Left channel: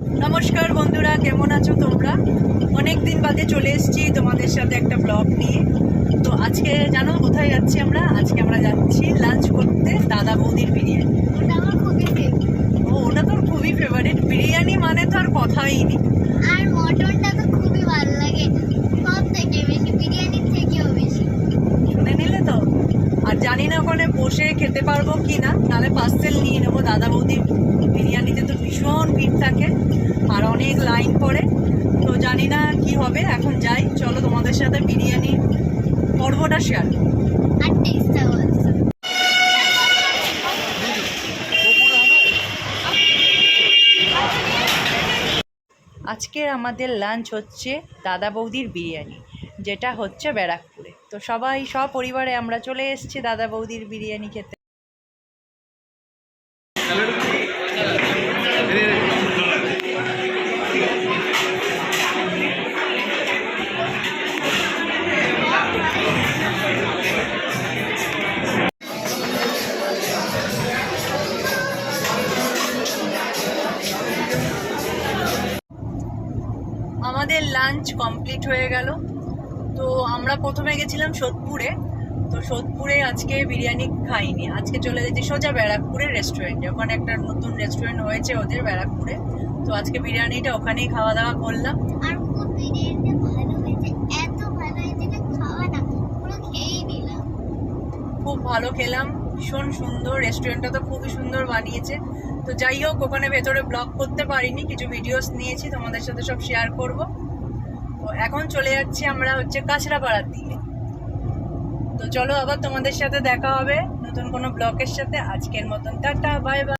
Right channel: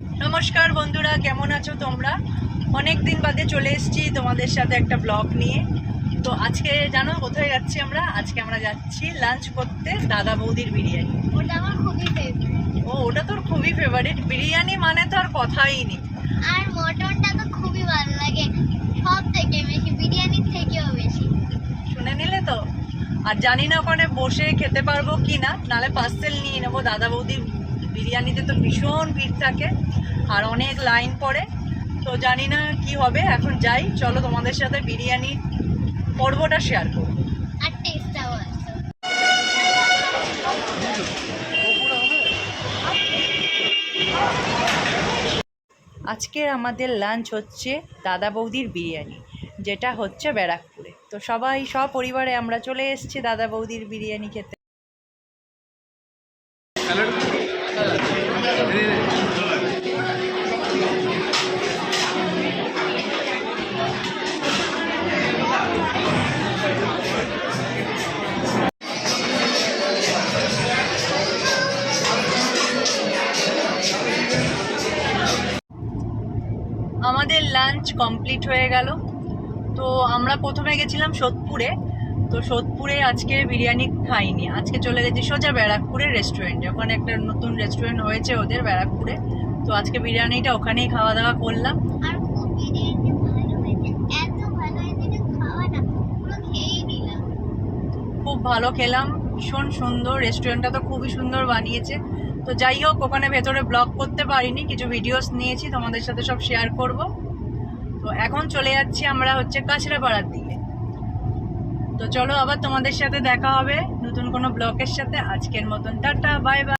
নমস্কার বন্ধুরা, কেমন আছো তোমরা? অনেক দিন বাদে চলে এসেছি তোমাদের সাথে একটা ব্লগ নিয়ে। তো আজকে জানো কোথায় যাচ্ছি আমরা? আজকে আমরা যাচ্ছি লাঞ্চ করতে দাদা বৌদির বিরিয়ানি। ওটা আমার খুবই ফেভারিট। ওটা তোর খুবই ফেভারিট। বিরিয়ানি মানে তো আর কথাই নেই। আর মটনটা তো খুবই ভালো লাগে, সব থেকে বেশি, বিরিয়ানির থেকেও বেশি। শুনে নিলে তো। আর জানি না ওখানে বসে খেতে পারবো কি না, নাহলে পার্সেল নিয়ে নেবো। দাদা বৌদির বিরিয়ানিতে তো ভীষণ ভিড় থাকে আর অনেক লাইন পড়ে, তো জানি না কি হবে। এখন যাই, চলো তোমাদের সাথে বিরিয়ানি পর্বটা শেয়ার করবো। আর টেস্টটাও অলসো। আজকের আমাদের লাঞ্চ হচ্ছে দাদা বৌদির বিরিয়ানি, যেটা হচ্ছে ব্যারাকপুরে। তো সবাই সপরিবারে আমরা চলে এসেছি দাদা বৌদির বিরিয়ানি খেতে। আমাদের লাঞ্চ কমপ্লিট হয়ে গেল। তো আমরা প্রথমে গেছিলাম সোদপুরে। তো সোদপুরে আজকে বিরিয়ানি খাইনি, আজকে চলে গেছি সোজা ব্যারাকপুরের রেস্টুরেন্টে। ওখানে একটা নতুন রেস্টুরেন্ট হয়েছে ওদের ব্যারাকপুরে, তো আজকে বিরিয়ানিটা ওখানেই খাওয়া দাওয়া করলাম। আর খুব বিরিয়ানিটা ভালো হয়েছে, এত ভালো হয়েছে যে খাওয়া না পুরো খেয়েই নিলাম। খুব ভালো খেলাম, ভীষণ সুন্দর। রেস্টুরেন্টটা তো খুবই সুন্দর বানিয়েছে। তো যাই হোক, ওখানে ভেতরে ব্লগ করতে পারিনি, কিছু ভিডিওস নিয়েছি, তোমাদের সাথে সব শেয়ার করব। তো এখন চলে যাচ্ছি আমরা হচ্ছে কাঁচরাপাড়ার দিকে। তো চলো আবার তোমাদের সাথে দেখা হবে নতুন কোনো ব্লগের সাথে। আজকের মতন টাটা, বাই বাই।